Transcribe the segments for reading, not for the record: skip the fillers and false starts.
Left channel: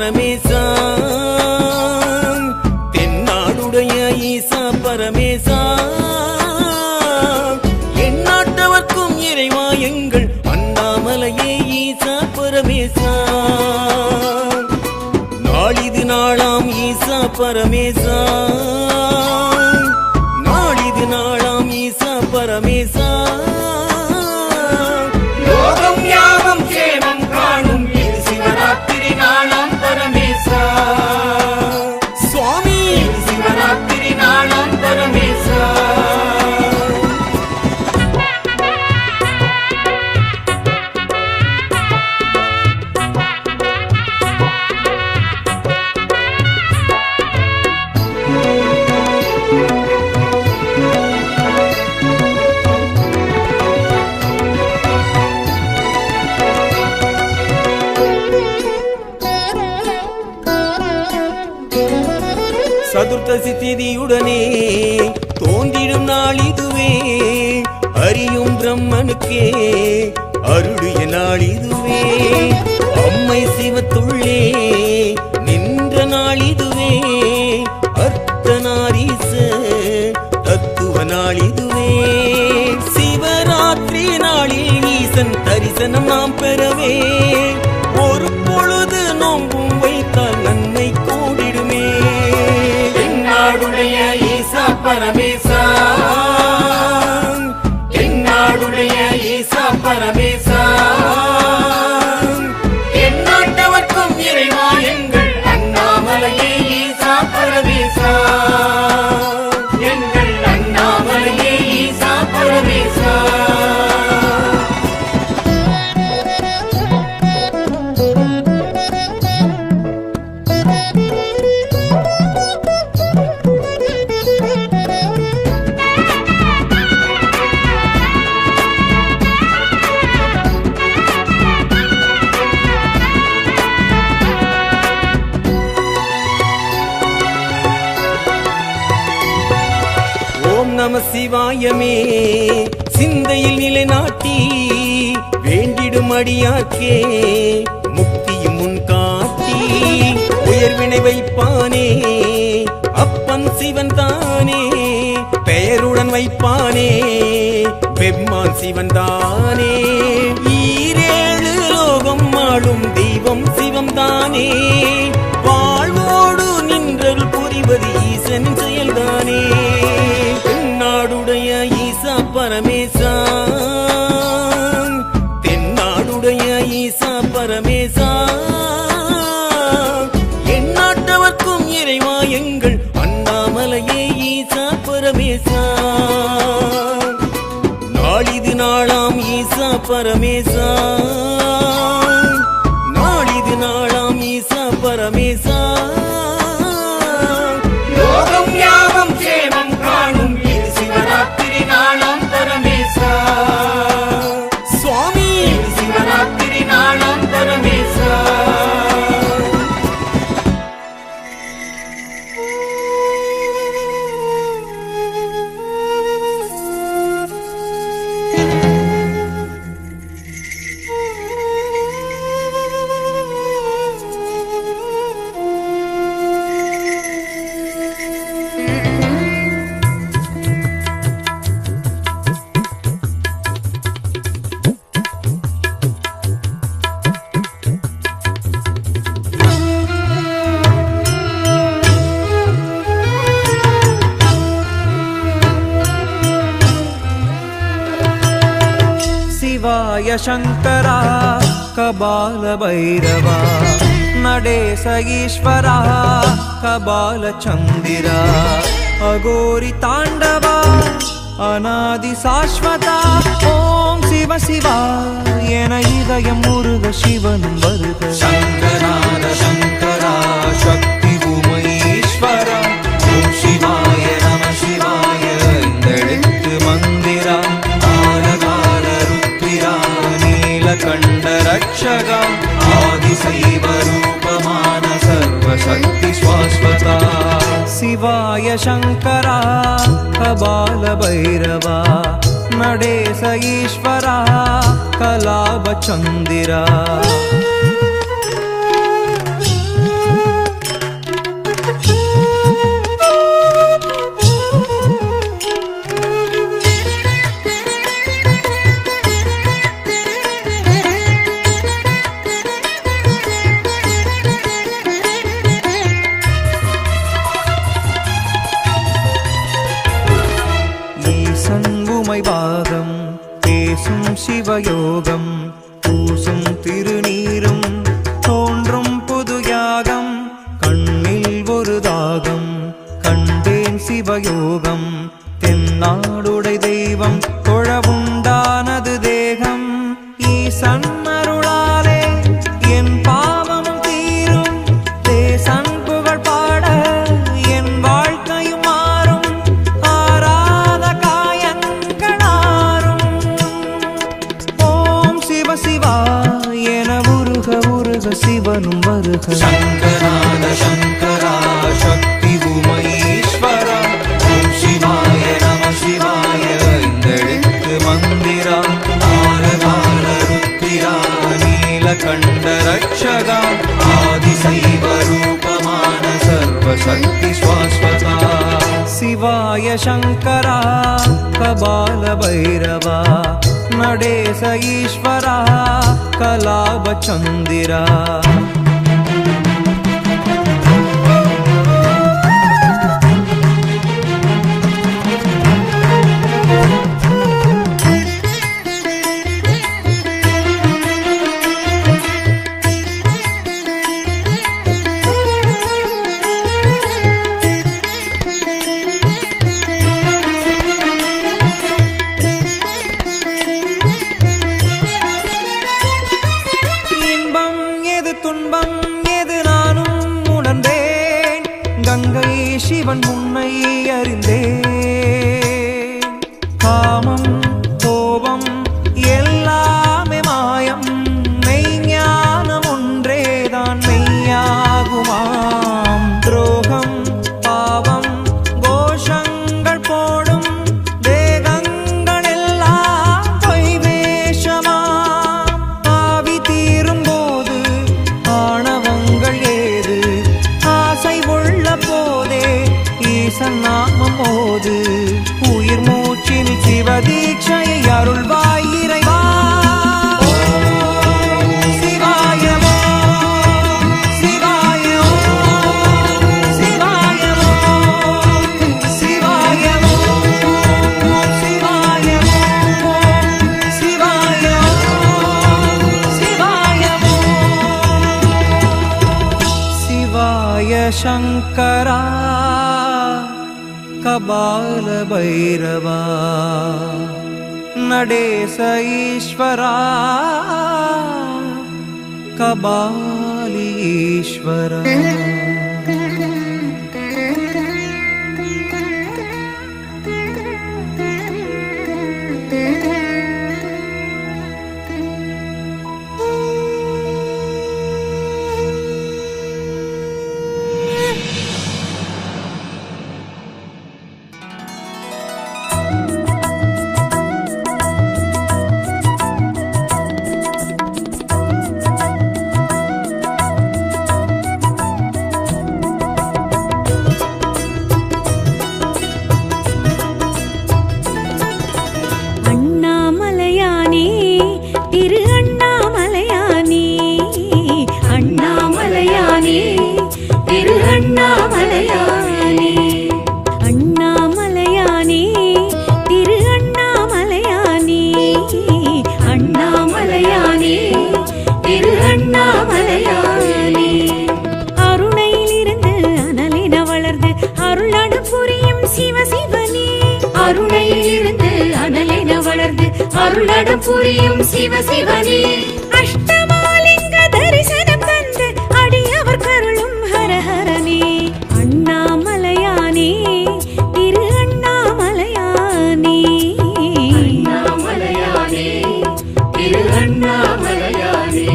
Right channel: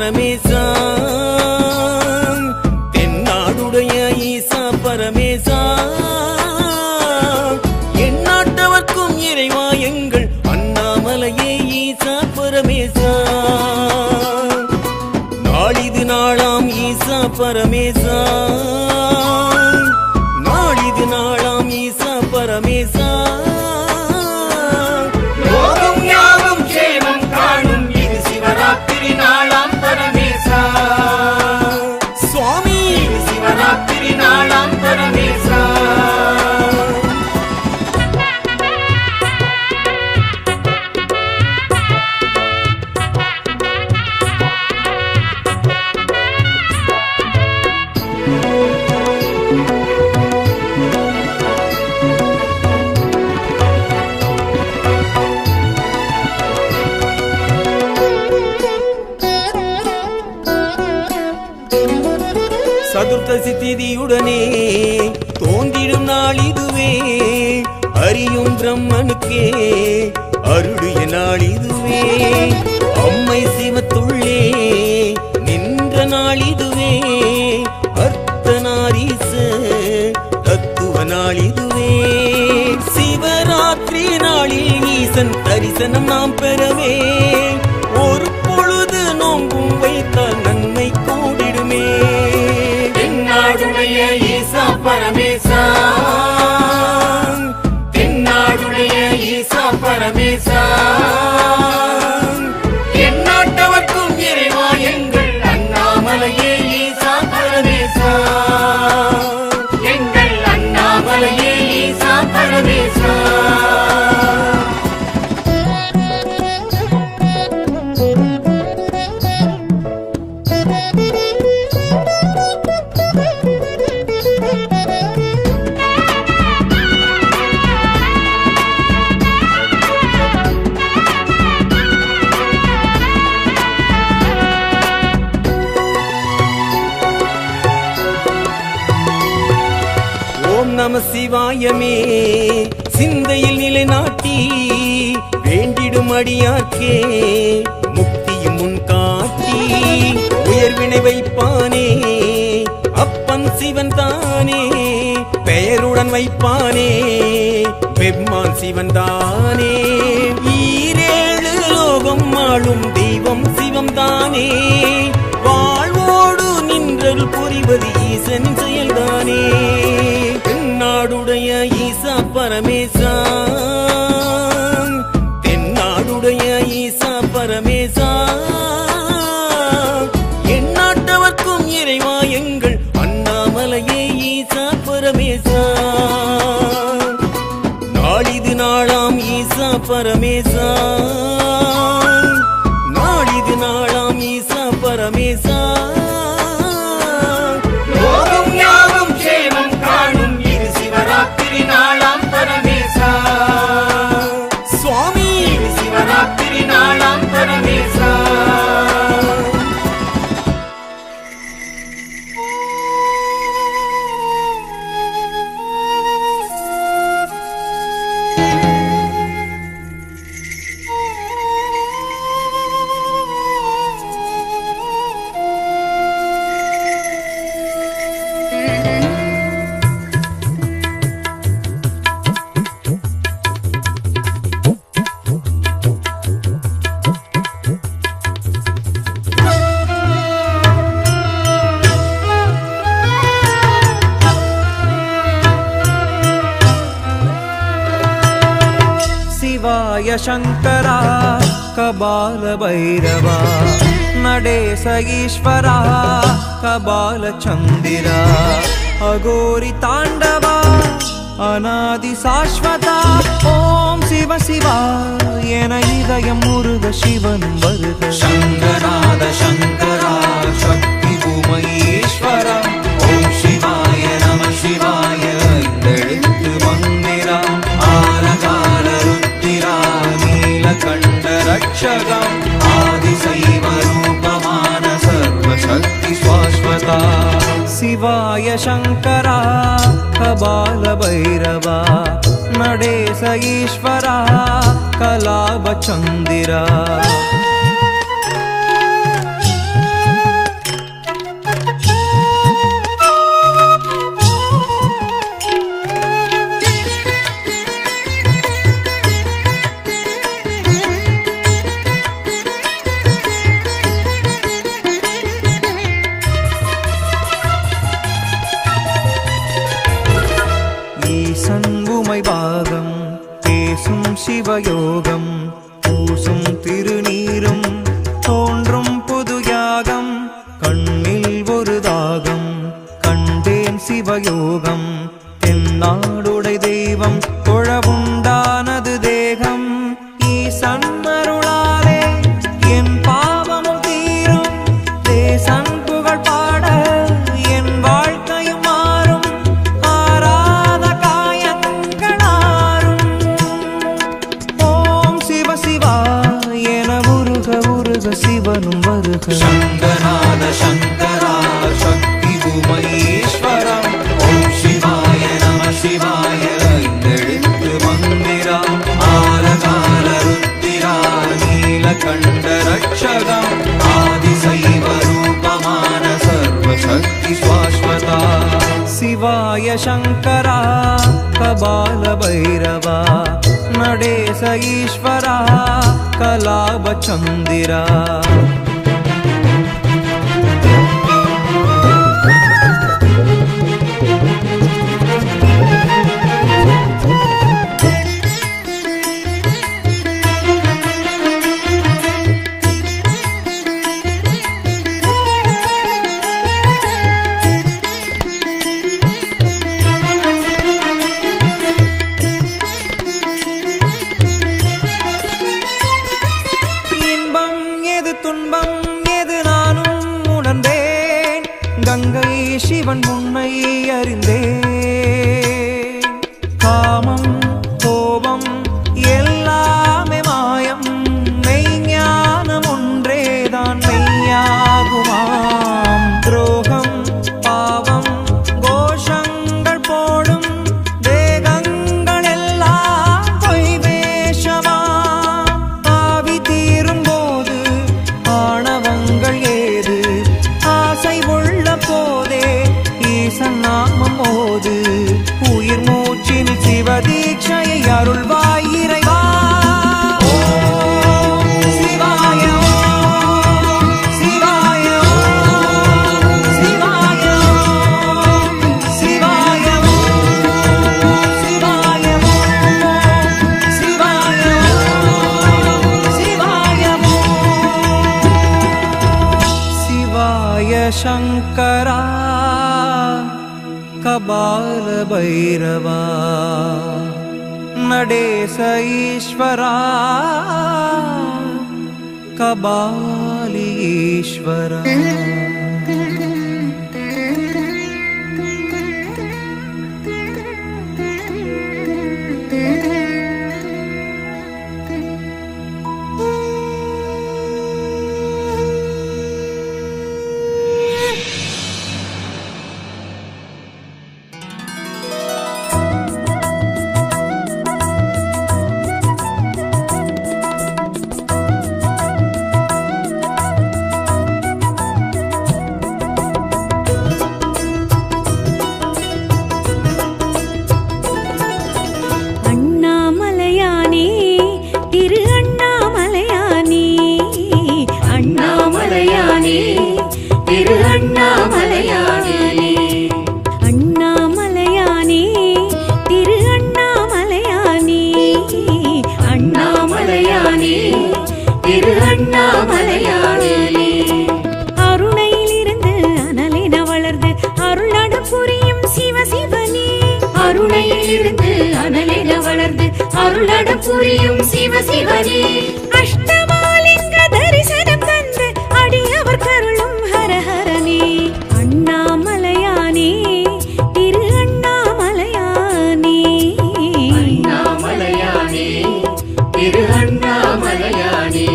பரமேசா தென்னாடுடைய ஈசா பரமேசா எந்நாட்டவர்க்கும் இறைவா எங்கள் அண்ணாமலையே ஈசா பரமேசா நாளிது நாளாம் ஈசா பரமேசா நாளிது நாளாம் ஈசா பரமேசா லோகம் யாவும் சேமம் காணும் இது சிவராத்திரி நாளாம் பரமேசா சுவாமி இது சிவராத்திரி நாளாம் பரமேசா சதுர்த்தசி திதியுடனே தோன்றிடும் நாள் இதுவே அறியும் பிரம்மனுக்கே அருளிய நாள் இதுவே அம்மை சிவத்துள்ளே நின்ற நாள் இதுவே அர்த்தநாரீச தத்துவ நாள் இதுவே சிவராத்திரி நாளில் ஈசன் தரிசனம் நாம் பெறவே ஒரு பொழுது நோம்பும் வைத்தால் நன்மை கூடிடுமே தென்னாடுடைய ஈசா பரமேசா தென்னாடுடைய ஈசா பரமேசா எந்நாட்டவர்க்கும் இறைவா எங்கள் அண்ணாமலையே ஈசா பரமேசா எங்கள் அண்ணாமலையே ஈசா பரமேசா ஓம் நம சிவாயமே சிந்தையில் நிலைநாட்டி வேண்டிடும் அடியார்க்கே முக்தியும் முன் காட்டி உயர்வினை வைப்பானே அப்பன் சிவன் தானே பெயருடன் வைப்பானே பெம்மான் சிவன் தானே ஈரேழு லோகம் ஆளும் தெய்வம் சிவம் தானே வாழ்வோடு நின்றல் புரிவது ஈசனின் செயல்தானே தென்னாடுடைய ஈசா பரமேசா தென்னாடுடைய ஈசா பரமேசா எந்நாட்டவர்க்கும் இறைவா எங்கள் அண்ணாமலையே ஈசா பரமேசா நாளிது நாளாம் ஈசா பரமேசா நாளிது நாளாம் ஈசா பரமேசா லோகம் யாவும் சேமம் காணும் இது சிவராத்திரி நாளாம் பரமேசா சுவாமி இது சிவராத்திரி நாளாம் பரமேசா शिवाय शंकरा कबाल भैरवा नडेश ईश्वरा कबाल चंदिरा अघोरी तांडवा अनादि शाश्वता ओम शिव शिवा एन इदयम मुरुग शिवनुम वरुग शंकराद शंकरा शक्ति भूमईश्वरा ओम शिवाय नमः शिवाय इंदெழுத்து मंदिरा नीलकंठ रक्षका आदिशैव रूपमान सर्वशक्ति शाश्वता शिवाय शंकरा कबाल भैरवा नडेश ईश्वरा कलाभ चंदिरा ஈசன் உமை பாகம் பேசும் சிவயோகம் பூசும் திருநீரும் தோன்றும் புது யாகம் கண்ணில் ஒரு தாகம் கண்டேன் சிவயோகம் தென்னாடுடை தெய்வம் தொழவுண்டானது தேகம் ஈசன் அருளாலே என் பாவமும் தீரும் தேசன் புகழ் பாட என் வாழ்க்கையும் மாறும் ஆராத காயங்களாரும் ஓம் சிவ சிவா என உருக உருக சிவனும் வருக சங்கராத சங்கரா சக்தி உமைஸ்வரா ஓம் சிவாய நம சிவாய ஐந்தெழுத்து மந்திரா ஆலகால ருத்திரா நீலகண்ட ரட்சகா ஆதிசைவ ரூபமான சர்வசக்தி ஸ்வாஸ்வதா சிவாய சங்கரா கபால பைரவா நடேச ஈஸ்வரா கலாப சந்திரா துன்பம் எது நானும் உணர்ந்தேன் கங்கை சிவன் உன்னை அறிந்தேன் காமம் கோபம் எல்லாமே மாயம் மெய்ஞானம் ஒன்றேதான் மெய்யாகுமாம் துரோகம் பாவம் கோஷங்கள் போடும் தேகங்கள் எல்லாம் பொய் வேஷமாம் ஆவி தீரும் ஆணவங்கள் ஏது ஆசை உள்ள போதே ஈசன் நாமம் ஓது உயிர் மூச்சில் சிவதீட்சையை அருள்வாய் இறைவா சிவாய சிவாய சிவாய சிவாய சிவாய சிவாய சிவாய சங்கரா கபால பைரவா நடேச ஈஸ்வரா கபாலீஸ்வரா திரு அண்ணாமலையானே அண்ணாமலையானே திரு அண்ணாமலையானே அண்ணாமலையானே திரு அண்ணாமலையானே அண்ணாமலையானே திரு அண்ணாமலையானே அருணையிலிருந்து அனலின வளர்ந்து அருளட புரியும் சிவ சிவனே அருணையிலிருந்து அனலின வளர்ந்து அருளட புரியும் சிவ சிவனே அஷ்டமாலிங்க தரிசனம் தந்து அடியவர் கருளும் ஹரஹரனே அண்ணாமலையானே திரு அண்ணாமலையானே அண்ணாமலையானே திரு அண்ணாமலையானே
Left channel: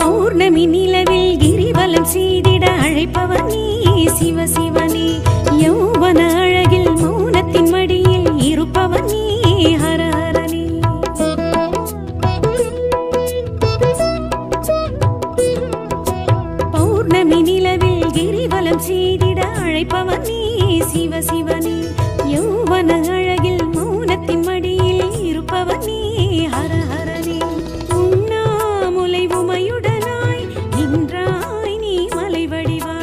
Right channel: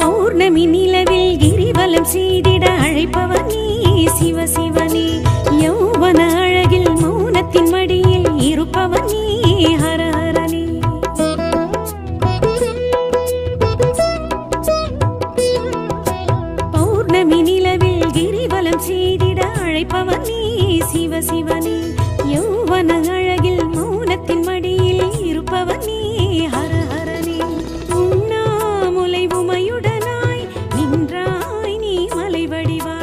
பௌர்ணமி நிலவில் கிரிவலம் செய்திட அழைப்பவர் நீ சிவ சிவனே யௌவன அழகில் மௌனத்தின் மடியில் இருப்பவர் நீ ஹரஹரனே கிரிவலம் செய்திட அழைப்பவன் நீ சிவசிவனே யௌவன அழகில் மௌனத்தின் மடியில் இருப்பவன் நீ ஹரஹரனே உண்ணாமுலை உமையுடனாய் நின்றாய் நீ மலை வடிவாய்